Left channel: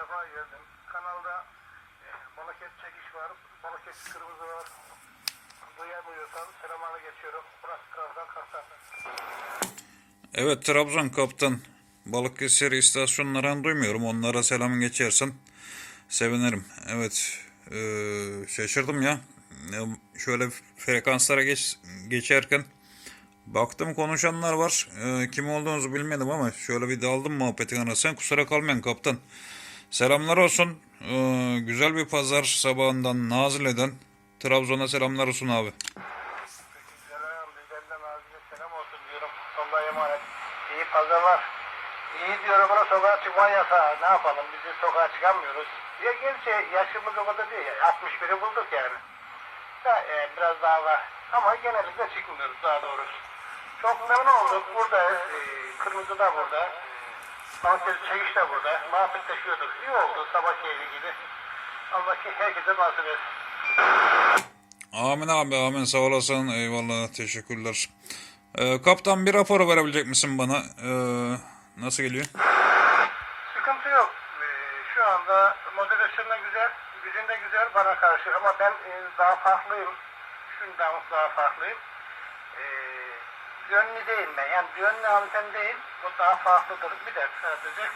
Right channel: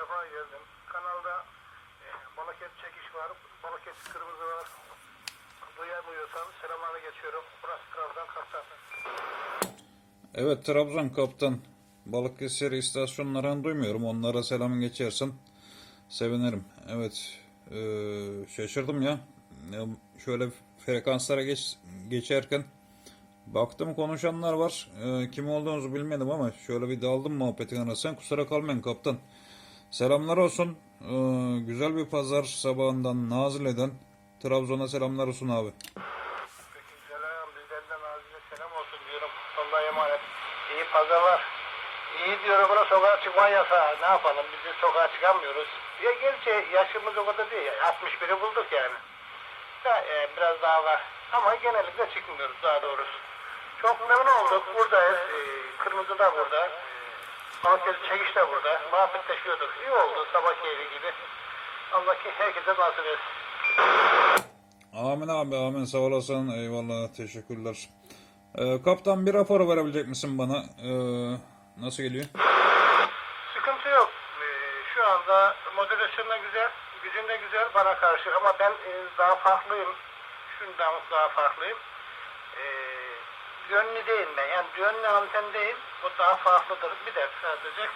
defa geldim. Kanalda e, Balıket çekiş var, Balıket kırmızı var. Duyamıyorsan selamlarını geçiyorum. Burası Trabzon Kaptan. Evet Trabzon kaptan. Balıkesir istasyonlarını duymuyorum. Onlara selam geçersin. Sevinirim. Evet. eee, şaşırdım ya. Ya, Şöyle frekanslara geç, geçerken baktım konuşanlar var. Eee, kim olduğunuzu bilmedim ama şöyle bir daldım muhabbetin arasına. Kusura kalmayın kaptan. Selamlar olsun. Eee, güzel bir pazar sabahından Nazile'den Trabzon'a selamlar olsun abi. Selam, bizlerden ağzına selam olsun diyorum. Allah'a emanet. İyi pazarlar. İyi diyorum buna sokağa çıkma yasağı. Ne yapalım biz de sokağa çıkamıyoruz. Ya gerçi yaşımız o kadar değil. 61'i bulduk yani. Da, e, biraz daha var. Ama genellikle çıkmıyoruz daha doğrusu. Çok memnun olduk. Burada e, Kırmızı da burada. Balıkesir Çekiş de burada. Muhabbetleşiyorduk. İyi oldu sabah keyfi gibi. Allah ki herkese nasip etsin. Amin abi amin sağ olasın eyvallah teşekkürler. Ee, kaptan bir rapor verebilecek misin bana? Ee, nasıl geliyor? Sıkıntı yok. Ee, Şu anda moderasyonda güzel, gücünde güzel bana karşı ama ben e, daha farklıyım. Şundan daha farklıyım. Ee, yönlü değil ben. Yani yönlü anten değil. Bu daha farklıdır. Bir de sadece.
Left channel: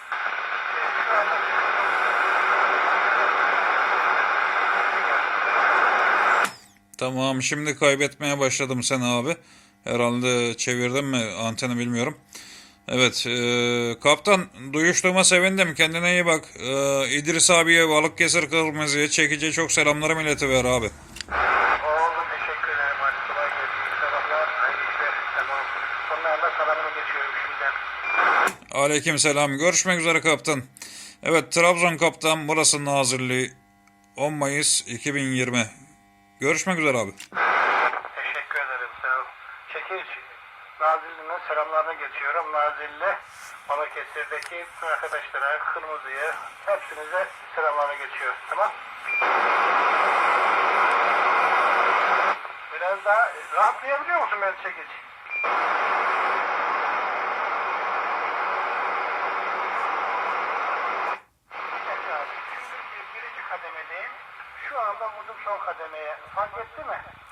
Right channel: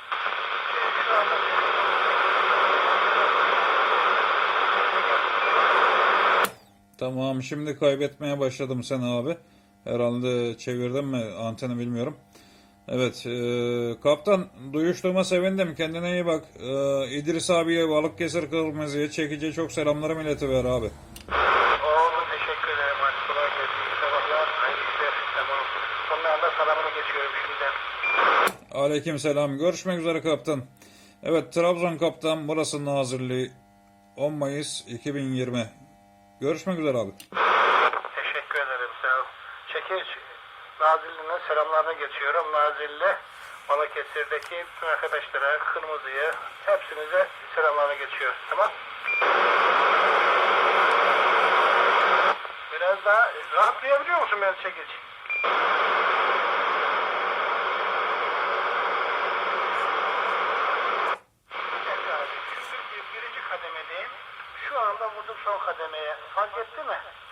Tamam şimdi kaybetmeye başladım seni abi. Herhalde çevirdim mi anteni bilmiyorum. Evet ee, kaptan duyuştuğuma sevindim kendine iyi bak. Ee, İdris abiye Balıkesir Kırmızı'ya çekici çok selamlarım iletiver abi. Oldu. Teşekkür ederim. Hadi kolay gelsin. İyi sabahlar. Hayırlı işler. Tamam. Onlarla salamını geçiyorum şimdiden. Aleyküm selam. Görüşmek üzere kaptan. Evet Trabzon kaptan burası Nazilli 10 Mayıs 2020. Görüşmek üzere abi. Teşekkür ederim sağ ol. Çekiç Nazilli'nin selamlarını geçiyorum. Nazilli Balıkesir'deki bütün arkadaşlara, Kırmızı'ya hepsinize selamlarını geçiyor. Tamam. Biraz daha rahatlayabiliyor musun ben çekiç? Bir dakika abi. Şimdi bir- birinci kademedeyim. Şu anda vurdum son kademeye. Fark etti mi?